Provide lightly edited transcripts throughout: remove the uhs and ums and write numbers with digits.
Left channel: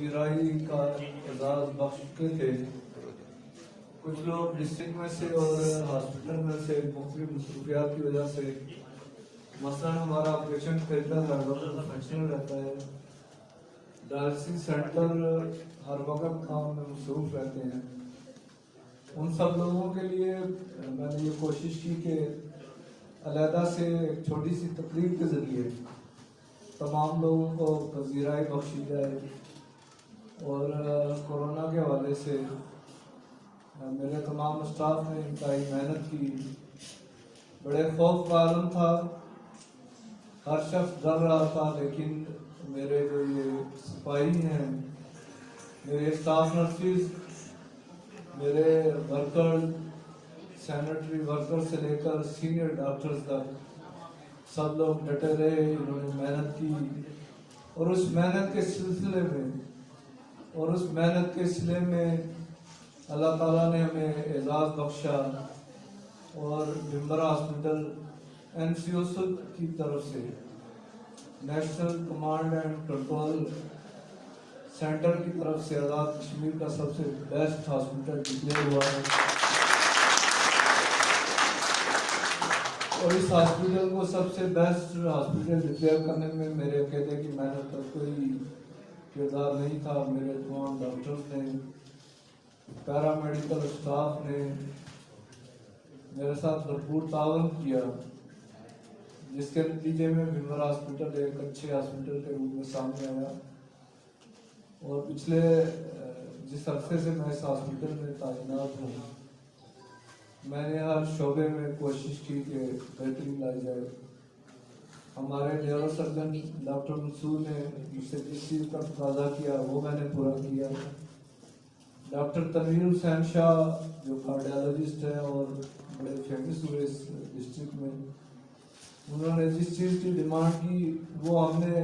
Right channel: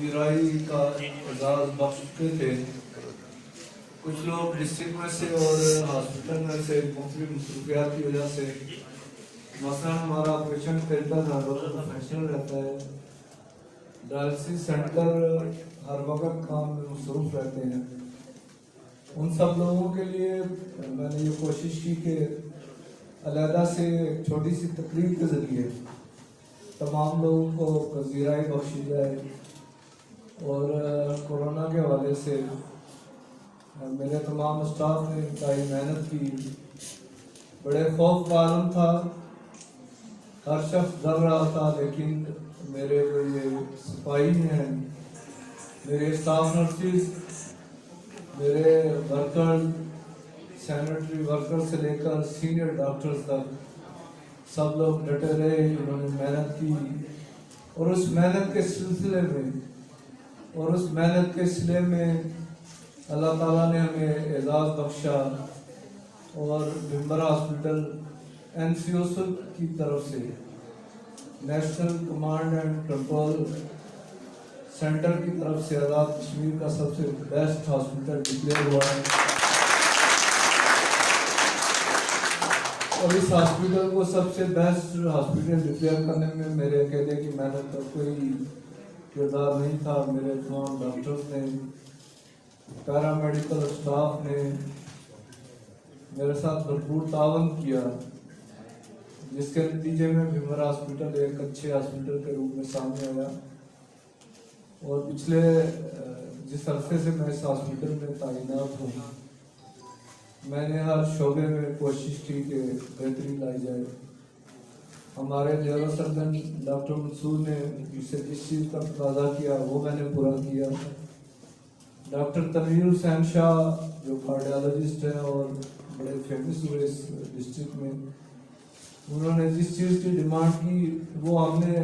पजीराई का एजाज़ बख्श चुके थे। कुछ लोग डिस्ट्रिक्ट में से और हॉस्पिटल में से मुख्तलिफ मसरूफियात की वजह से मसलन हमारा ऑपरेशन थिएटर हर वक्त प्रोफेशनल रहता है, डायलिसिस सेंटर हर वक्त काम में मसरूफ रहते हैं। उन सब लोगों के लिए मैंने ये कोशिश की कि अलहदा से एक छोटी सी तकरीब के ज़रिए तमाम लोगों को पजीराई बख्शी जाए। और कोरोना के हवाले से मेरे तमाम स्टाफ ने इंतहाई मेहनत की। बड़े खौफ का आलम था, हर शख्स डर रहा था, लेकिन मेरे जो ये सिपाही हैं, मेरे स्टाफ नर्सिस, मेरे वर्कर, सैनिटरी वर्कर से लेकर सीनियर डॉक्टर्स तक सब लोग डटे रहे, इन्होंने मेहनत की। और उस मेहनत के सिलसिले में अल्लाह ताला ने हमें एजाज़ बख्शा। और भिम्बर हॉस्पिटल NCOC की तरफ से national command and control centre की तरफ से आज़ाद कश्मीर का सबसे बेस्ट हॉस्पिटल डिक्लेयर हुआ है। और इस हॉस्पिटल को सबसे बेस्ट हॉस्पिटल डिक्लेयर करने में मेरे अकेले की मेहनत का कोई किरदार नहीं था। मेरे तमाम डॉक्टर्स ने, पैरामेडिकल स्टाफ ने मेरे साथ भरपूर तावन किया, जिसके नतीजे में भिम्बर हॉस्पिटल एक अच्छे हॉस्पिटल के रूप में सामने आया। और पिछले जिस अरसे से मैं इस हॉस्पिटल में तैनात हूँ, मैंने हर शोबे में कोशिश की कि बेहतरी लाई जाए। हमारे लेवल सर्जन डॉक्टर मंसूर ने मुझसे जिस चीज़ का तकाजा किया वो मैंने पूरा किया। डॉक्टर तनवीर हुसैन शाह जो कार्डियोलॉजिस्ट है और बड़े फेमस हुए इस डिस्ट्रिक्ट में, उन्होंने जिस चीज़ की डिमांड की वो हमने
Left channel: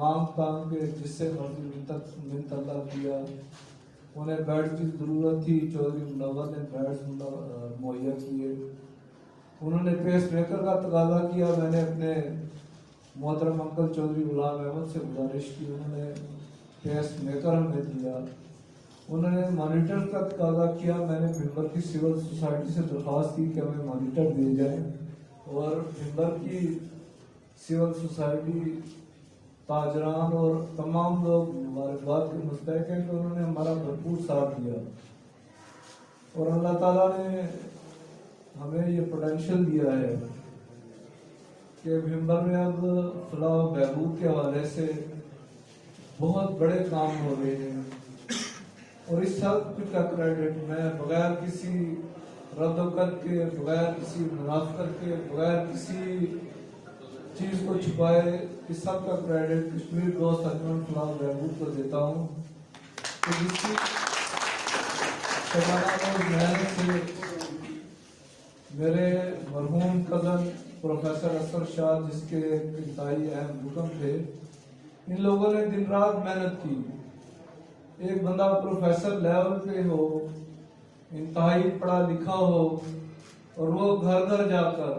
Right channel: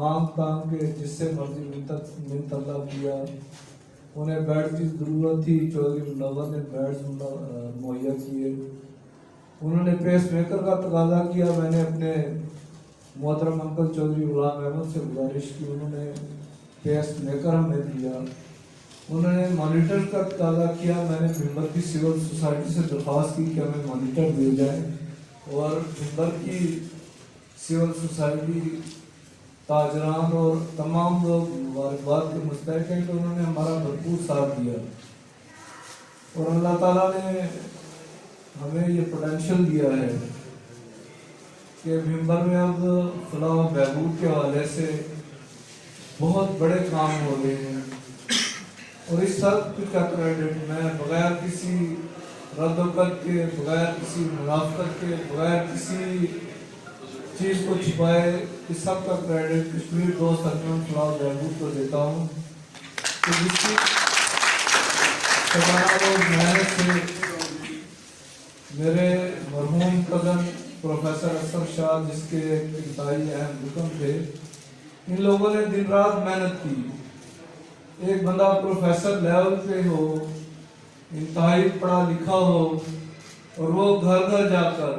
मांग के जिससे मर्जी मिन्नत अल्लाह किया। उन्हें बेड की ज़रूरत थी, चौधरी मुनव्वर ने बेड्स मुहैया किए। उन्होंने पेस मेकर का तकाजा किया, मैंने अपने मोहतरम अंकल चौधरी गुलाम अहमद से गुजारिश की, उन्होंने पेस मेकर हमें दिया। उन्होंने मॉनिटर का तकाजा किया, मैंने भिम्बर की सिविल सोसाइटी से दरख्वास्त की कि हमें मॉनिटर दिए जाए। और भिम्बर की सिविल सोसाइटी, ताजरान और तमाम लोग मुबारकबाद के मुस्तहिक हैं कि उन्होंने हमारा भरपूर साथ दिया। और अल्लाह ताला ने हमें ये पोटेंशियल दिया है कि भिम्बर में अब फलाह बहबूद के हवाले से बहुत बड़े काम हो रहे हैं। और इस सब कुछ का क्रेडिट मैं बगैर किसी रद्द के, बगैर किसी मुनाफत के, बगैर किसी चीज़ को छिपाए, इस सब का क्रेडिट कश्मीर दोस्त अजमन फलाह बहबूद को देता हूँ। तो जिसकी मेहनत से मेरे मरहूम कज़न प्रोफेसर असर शाह, जिसके इंतहाई अहम हुक्म थे, इन लोगों ने दिन रात मेहनत की। एक बंदा प्रोफेसर लेवल पे हो, इंतहाई पढ़ा लिखा हो, और वो घर घर जाकर,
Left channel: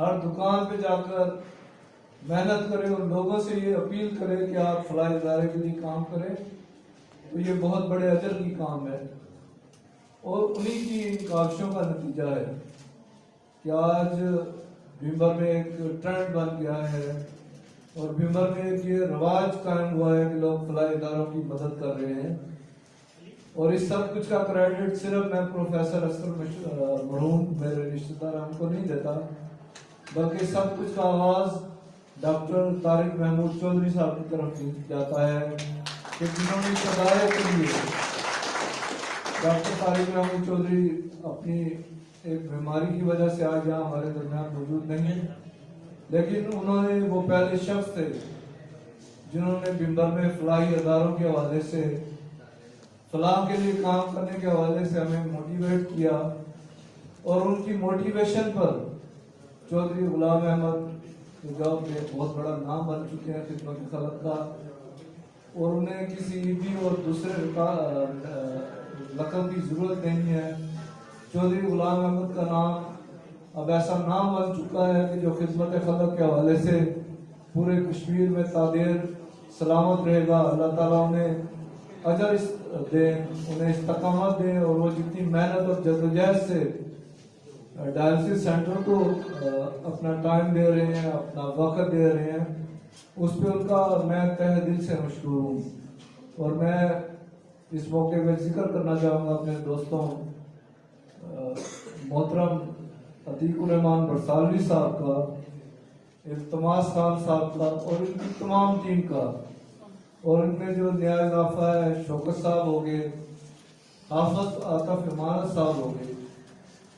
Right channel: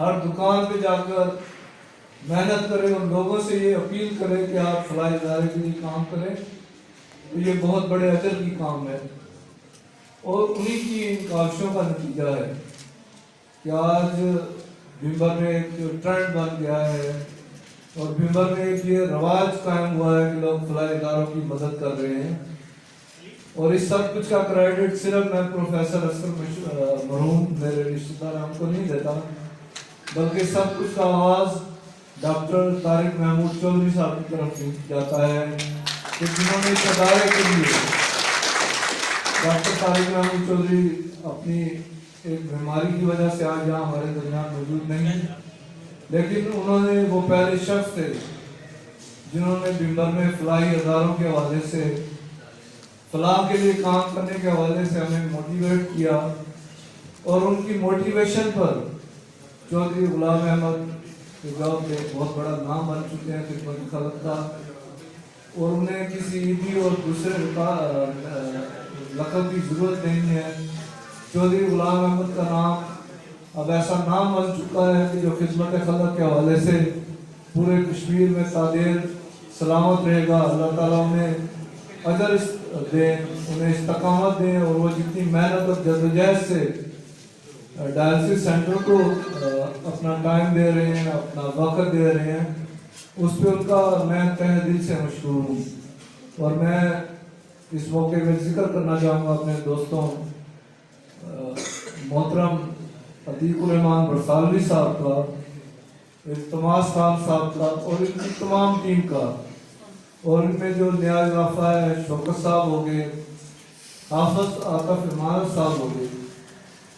हर दुकान पे जाकर मेहनत करे और लोगों से ये अपील करे कि आप फलाह इदारे के लिए काम करें, तो ये बहुत बड़े अजर की काम है। और उन्हीं की इन काविशों का नतीजा है कि आज भिम्बर में एक ट्रेंड बन गया है और भिम्बर में एक ये रवाज कायम हुआ है कि लोग फलाह इदारों की मदद कर रहे हैं। और इस सब कुछ का क्रेडिट सिर्फ मैं प्रोफेसर असर मरहूम मेरे रिश्तेदार हमको नहीं देता, बल्कि सब कुछ का आवाज़ डॉक्टर तारिक महमूद चौधरी साहब की तरफ से जाता है कि जिन्होंने इस अदारे के लिए, डॉक्टर तारिक महमूद चौधरी अपनी एक बीमारी की वजह से आज यहाँ हमारे दरमियान मौजूद नहीं है, लेकिन उन्होंने वो पहले शख्स थे जिन्होंने भिम्बर में फलाही इदारों के हवाले से, फलाह के लिए काम करने के हवाले से हमें मोटिवेट किया। और उनकी मोटिवेशन पर चौधरी गुलाम अहमद के जो बहुत बड़ा नाम बन चुके हैं खिदमत खलक का, और उन्हें किसी ईदी और दूसरे लक़ब की ज़रूरत नहीं है। चौधरी गुलाम अहमद का नाम अब ऐसा नाम बन चुका है कि जो खिदमत खलक के हवाले से पूरे कश्मीर में तादेर सलामत रहेगा। अल्लाह ताला उन्हें अजर दें, उन्हें इस्तकामत दें और वो जितनी मेहनत और जद्दोजहद से डायलिसिस सेंटर को अपना टाइम दे रहे हैं, अपना वक्त दे रहे हैं, उस पर उनका मैं तहे दिल से मशहूर हूँ। और मैं इस मौके में जिक्र करना चाहूँगा अपने दोस्तों मोहतरम अतीकुर रहमान बरसालवी साहब का, इल्तमास साहब का और इनकी तमाम टीम का, और इनमें जो न्याय वाफा है शौकत साहब हो गए, हाफिज आकफ इमारत साहब हो गए,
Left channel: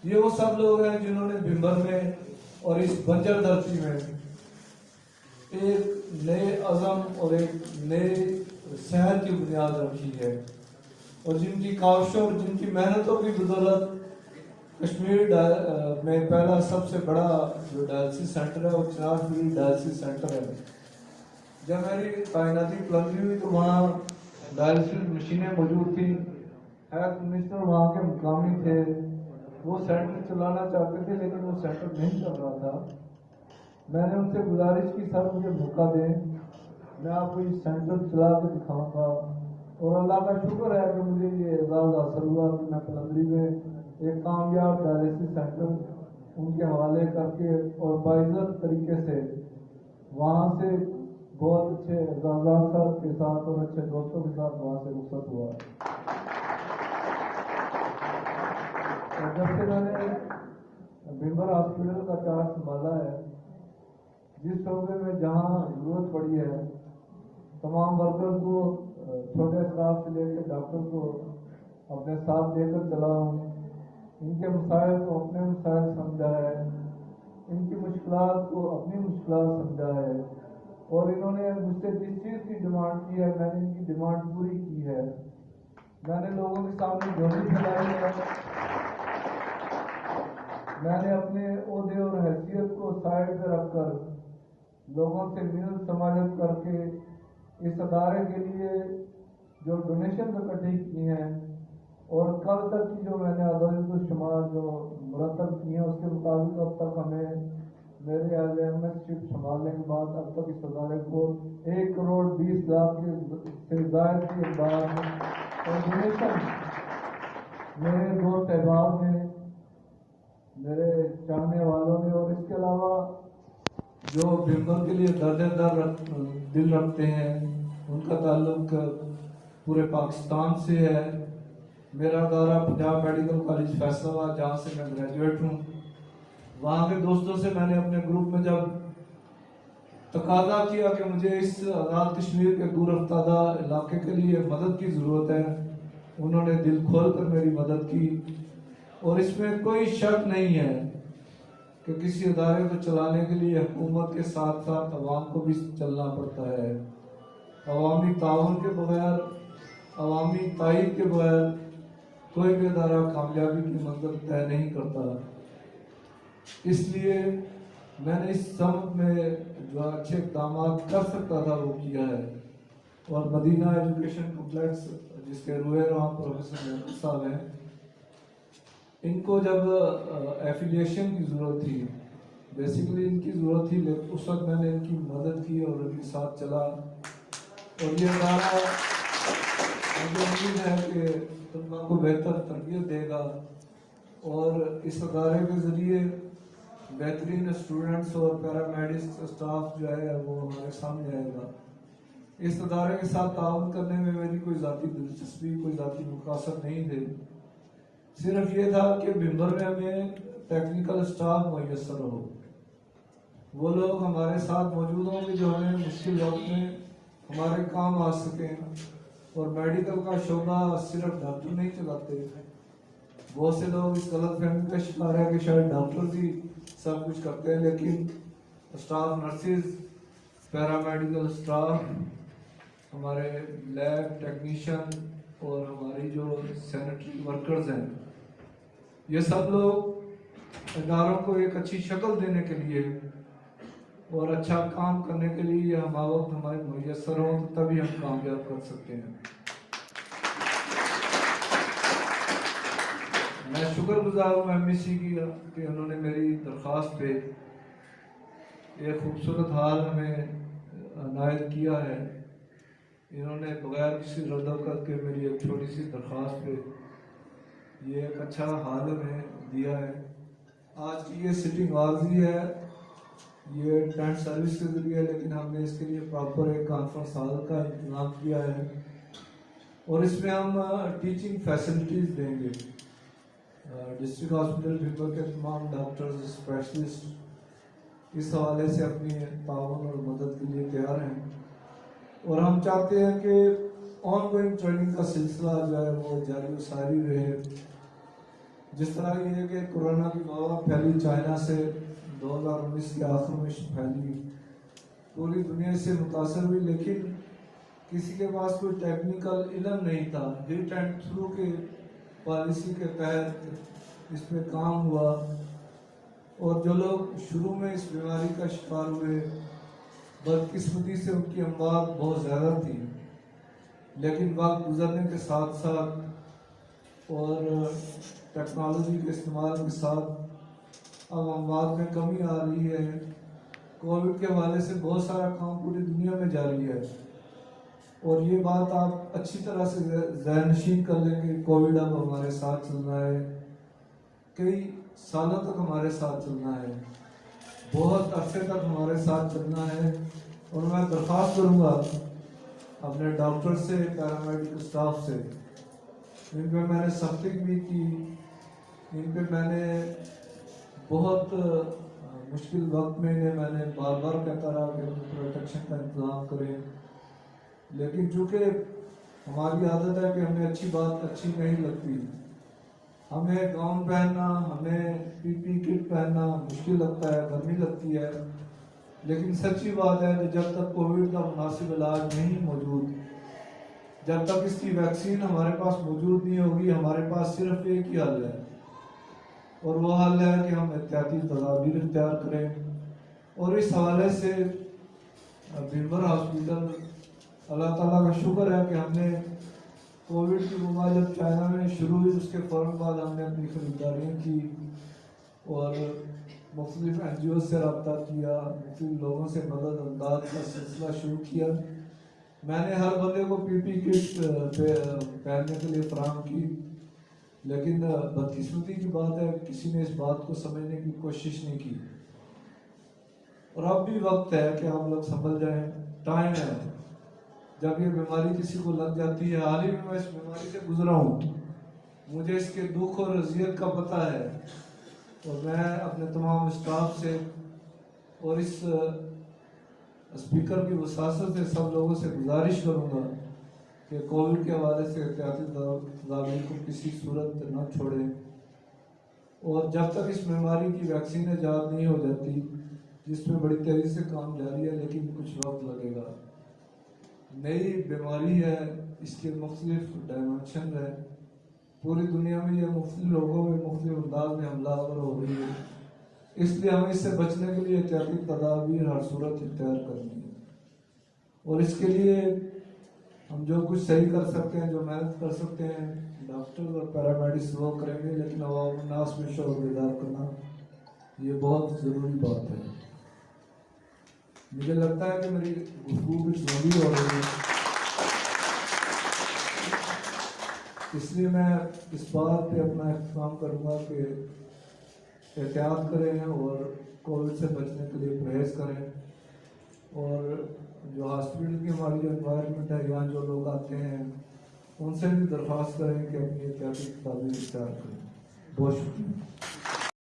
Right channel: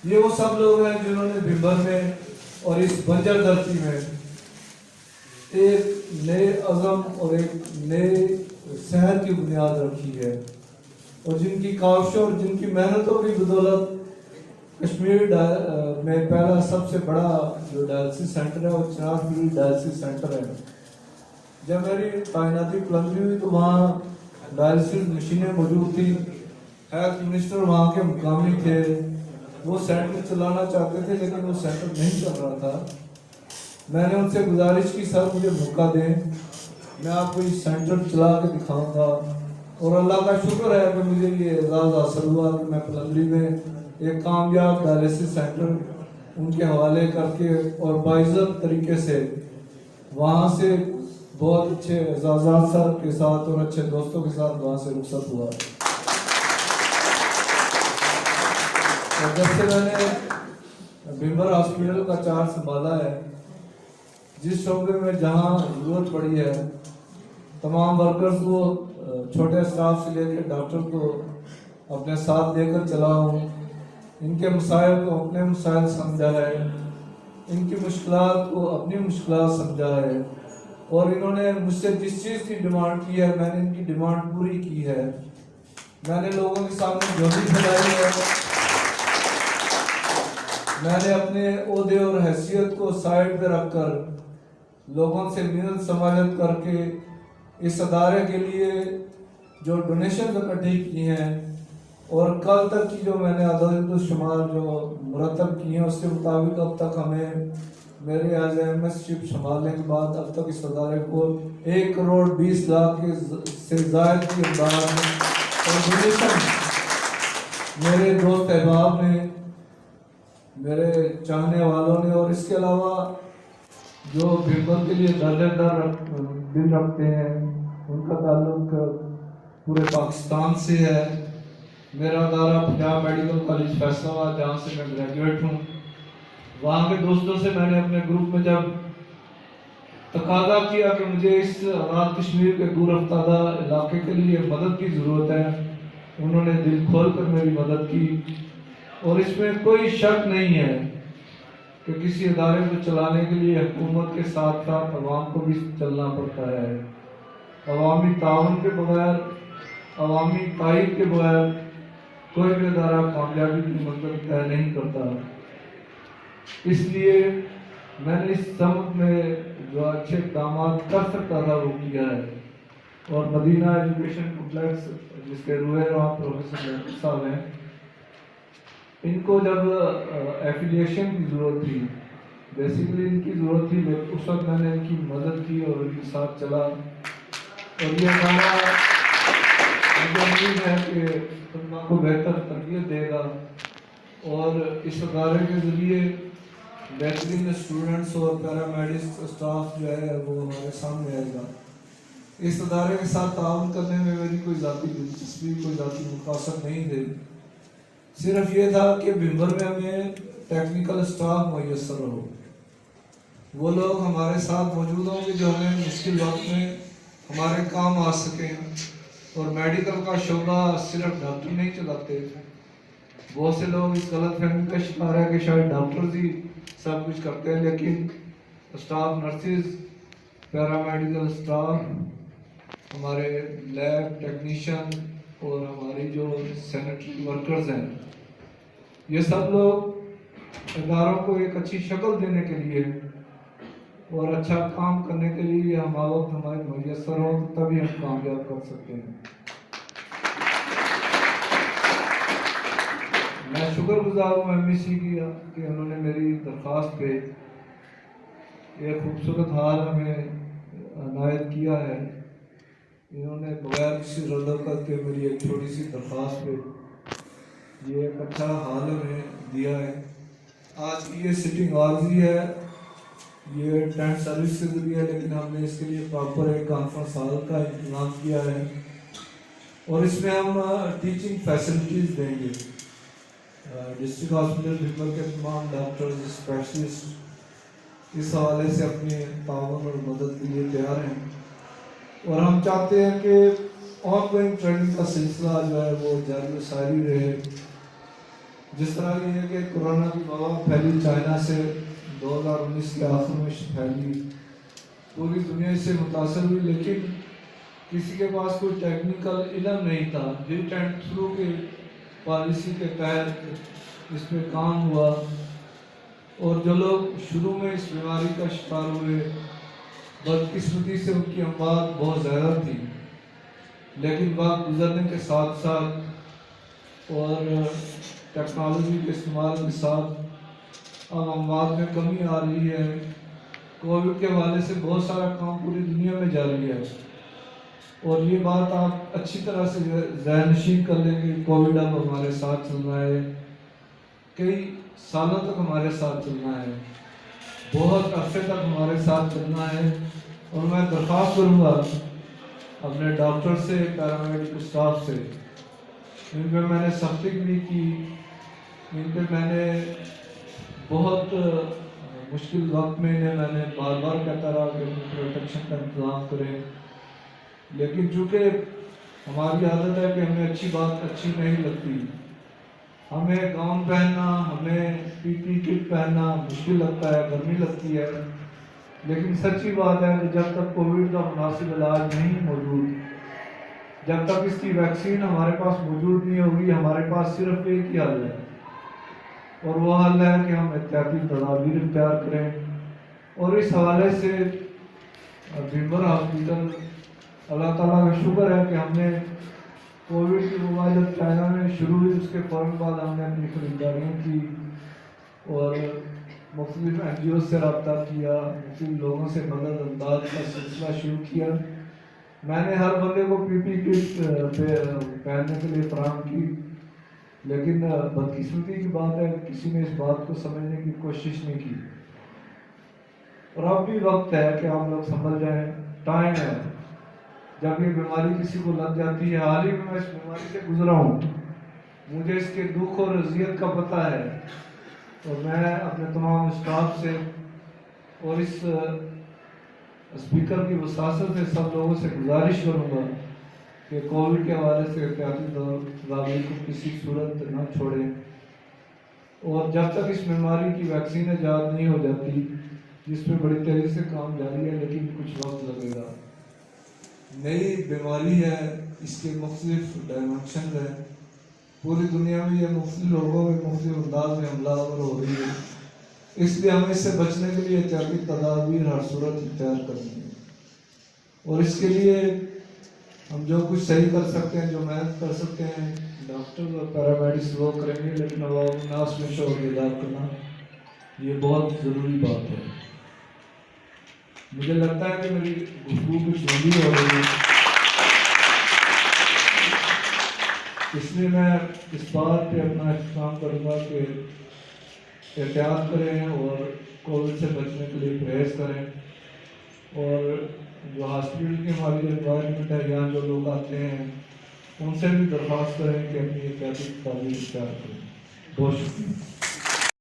ये वो सब लोग हैं जिन्होंने भिंबर में और इस बंजर धरती में एक नए अज़म और एक नए सेहत की बुनियाद रखी है, और जिनकी काविशों और जिनकी मेहनतों की बदौलत कश्मीर में पहला सबसे बड़ा जो डायलिसिस सेंटर है वो चिनार डायलिसिस सेंटर है। जब मेरी तैनाती प्लम्बी हुई तो वहाँ डायलिसिस मशीनें मौजूद थी। हेल्थ मिनिस्टर वहाँ के मुकामी थे, वो सेंटर चलाना चाहते थे लेकिन वो सेंटर नहीं चल रहा था। मैंने उनसे गुजारिश की, सर मुझे मौका दें, मैं आपको इस सेंटर चला के दिखाऊंगा। और अल्लाह का शुक्र है कि मुझे ये एजाज़ हासिल हुआ कि मैं पलंदरी में एक कामयाब डायलिसिस सेंटर उनके हवाले करके और बाइज़्ज़त तरीके से वहाँ से बहुत अच्छे एजाज़ात सर के साथ और अच्छे दोस्तों के साथ वहाँ से रुखसत हुआ। और जब से मैंने भिंबर हॉस्पिटल का चार्ज संभाला है, जिस शोबे में जहाँ जरूरत पड़ी है तमाम वर्कर्स को, छोटे स्टाफ से लेकर डॉक्टर को अपने साथ लेकर चला हूँ। इनके मसाइल को अपने मसाइल समझा है, इनकी मुश्किलात को अपनी मुश्किलात समझा है, और इन्होंने मुझसे जिस चीज़ की डिमांड की है मैंने इनकी डिमांड पूरी की है। मैंने लोगों के सामने झोली फैलाई है, मैंने अपने ओहदे और हैसियत को साइड पे रखकर लोगों से मिन्नत समाजत करके इस अदारे के लिए जो डोनेशन इकट्ठी की हैं और कल तक की जो मैंने अदद-ओ-शुमार जो मुरतब किए हैं उसके मुताबिक अब तक हमें मेरे एज एमएसशिप संभालने के बाद अब तक इस अदारे को 1 करोड़ 20 लाख के से ज़ायद की इमदाद में और डोनेशन मेरे दोस्त अहबाब ने, मेरे चाहने वालों ने, और इसके अलावा जो भिंबर के लिए दर्द दिल रखते हैं उनका ताल्लुक पूरे पाकिस्तान से है। मेरा अदारा पंजाब मेडिकल कॉलेज फैसलाबाद, जहाँ से मैं ग्रेजुएट हूँ, वहाँ के दोस्तों से मैंने अपने ग्रुप में जब तकादा किया कि मुझे इस आज़ाद कश्मीर के दूर अफ्तादा इलाके के लिए मदद की ज़रूरत है, उन्होंने दिल खोल कर मेरी मदद की। और इसमें कोई शक नहीं है कि किसी अदारे को चलाने के लिए हुकूमत के साथ साथ अवाम को भी चलना पड़ता है। अवामी ताउन के बगैर, अवामी ताइद के बगैर कोई भी अदारा कामयाबी की मंजिल तय नहीं करता। इसलिए मैंने इस सब में जो अच्छे इक़दाम कर सकता था वो किया है। और मदीना एजुकेशन कॉम्प्लेक्स जिसके रूहेरा प्रोफेसर साहब हैं, इनको जब एफिलिएशन की ज़रूरत थी, बेसिकली इनकी ज़रूरत थी, लेकिन उस वक्त मैंने इनकी मदद की और इनके साथ चला। और ये हमारा उम्मीद है कि तुम को बेहतर तरबियत देगा और इस अदारे के ज़रिए बेहतरीन स्टूडेंट्स और पैरामेडिक्स स्टाफ जो है वो हमारे सामने आएगा। इस अदारे के साथ ताउन करने में मेरी कोई ज़ाती दिलचस्पी, कोई ज़ाती मुकासद नहीं थी। सिर्फ ये था कि भिंबर में हमें टेक्निकल स्टाफ मैसर हो, वो लोग हमारे साथ मौजूद होंगे जो हमें मुश्किल वक्त में हमारे काम आ सकें। और मेडिकल का शोबा सिर्फ डॉक्टर नहीं चलाते, बहुत से लोग इस गलत फहमी का शिकार है कि शायद डॉक्टर ही सब कुछ करते हैं, लेकिन स्टाफ नर्सिस, पैरामेडिकल स्टाफ, हमारे लैब टेक्नीशियन और हमारी जो सैनिटरी वर्कर्स हैं, ये सब लोग इदारों को एक अच्छी शक्ल देने के लिए और अच्छा काम करने के लिए हम वक्त हमारे मैसर हों तभी हम कामयाब कर सकते हैं। मैं शुक्रगुजार हूँ एमईसी की कि उन्होंने मेरी दरख्वास्त पे एक खूबसूरत हाल हमें अनायत किया है। इन्होंने बगैर किसी रद्द के मेरी एक छोटी सी दरख्वास्त पे ये एक अच्छा हाल में दिया है। आज की ये सिटिंग आर्जी है, ये टेंट सर्विस से भी है, लेकिन हमने इसके लिए प्रॉपर एक कॉन्फ्रेंस हॉल का इंतजाम किया है और इसमें हम टीचिंग फैसिलिटीज़ देंगे। डिस्ट्रिक्ट हॉस्पिटल भिंबर के तमाम डॉक्टर्स स्पेशलिस्ट इस हवाले से अपने ताउन और मदद के लिए तैयार हैं और हम चाहते हैं कि ऑनगोइंग ट्रेनिंग का सिलसिला जो है वो जारी सारी रहे। जिस तरह ये कि कोरोना की वबा फैली चाइना से 2019 के आखिर में फैली, पूरी दुनिया से मुतासर हुई, लेकिन किसी के पास कोई टेक्निकल इल्म नहीं था। हिट एंड थ्रू के पॉलिसी के तहत इस पर काम हुआ और जो लोग शुरू में इस बीमारी का शिकार हुए बदकिस्मती से उनकी अमवात बहुत ज़्यादा थी, लेकिन वक्त गुजरने के साथ साथ और टेक्नोलॉजी के इस्तेमाल के साथ अब अमवात में कमी आ रही है। कोविड के हवाले से बहुत सारा काम पूरी दुनिया में जारी है और ये बात आप अच्छी तरह से ज़हनशीन कर लें कि कोविड अब हमारे साथ चल रहा है, कई सालों तक हमारे साथ चलना है, बहुत अरसे तक हमारे साथ चलना है। और मैं दरख्वास्त करूँगा अपने डॉक्टर से, पैरामेडिकल स्टाफ से, इन पर मैंने सख्ती भी की, इन पर मैंने बहुत मुश्किल वक्त में इन्हें मैंने बार बार कहता रहा कि अपनी प्रोटेक्शन का इंतज़ाम करें, लेकिन चूँकि हमारी आदत है कि हमें अच्छी बात अच्छी नहीं लगती, हमें गाउन पहनना, हमें पीपी किट पहनना मुश्किल लगता है, गर्मी लगती है। लेकिन सच्ची बात है कि जब तक कोविड का मुनासिब इलाज नहीं मौजूद, जब तक इसकी वैक्सीन हमारे पास मौजूद नहीं होगी, हमारे पास सिर्फ एक ही हल है और वह हल है कि हम एहतियाती तदाबीर इख्तियार करें। और इस हवाले से भिंबर हॉस्पिटल, अल्लाह ताला का शुक्र है कि हमने कोविड की वबा जब चाइना में शुरू हुई उसके फ़ौरन बाद हमने अपनी खरीदारियाँ की और मुख्तलिफ NGO से रब्ता किया, मुख्तलिफ लोगों से मदद अंदाज का सिलसिला शुरू किया। मैंने हर बंदे को पीपी किट पहनने के लिए फराहम की, लेकिन बदकिस्मती की बात है कि किसी ने इस बात को समझने की कोशिश नहीं की। और अब भी वक्त है कि आप लोग संभल जाएं, टाइम है। जब ये बीमारी किसी को लग जाती है, हाल ही में मैं इस बीमारी से गुजरा हूँ, मुझे इसके दुख और अजियत का पता है और मैं अपने तमाम स्टाफ से और इस स्पीकर की वसासत से सब लोगों से गुजारिश करूँगा कि कोविड के हवाले से एहतियाती तदाबीर को किसी सूरत न छोड़ें और जब तक इस बीमारी की वैक्सीन ईजाद नहीं हो जाती, जिस पर बड़ी तेज़ी से काम जारी है, लेकिन कुछ वक्त लगेगा। नई बीमारी है, इसके मुख्तलिफ डायमेंशन है, पूरी दुनिया में ये मुख्तलिफ लोगों में मुख्तलिफ अंदाज में हमलावर हो रही है, इसलिए हमें इससे बचने के लिए एहतियाती तदाबीर हर सूरत इख्तियार करनी है। और इसके लिए हम जो कुछ सही कर सकते हैं, जो मेहनत कर सकते हैं, डॉक्टर और पैरामेडिक्स वो करेंगे, लेकिन नास में शोर बेदार करना ये बहुत ज़रूरी बात है। मुझे लगता है कि मेरी गुफ्तगू कुछ लंबी हो रही है, इसलिए मैं इस बात पे अपना एहतमाम करूँगा कि एहतियात करें और कोविड से बचने के लिए परहेज़ करें और जो हॉस्पिटल की हमारी एनवायरनमेंट है, यहाँ जो लोग आते हैं उनसे भी दरख्वास्त करें कि अपनी एहतियाती तदाबीर इख्तियार करें। बहुत शुक्रिया।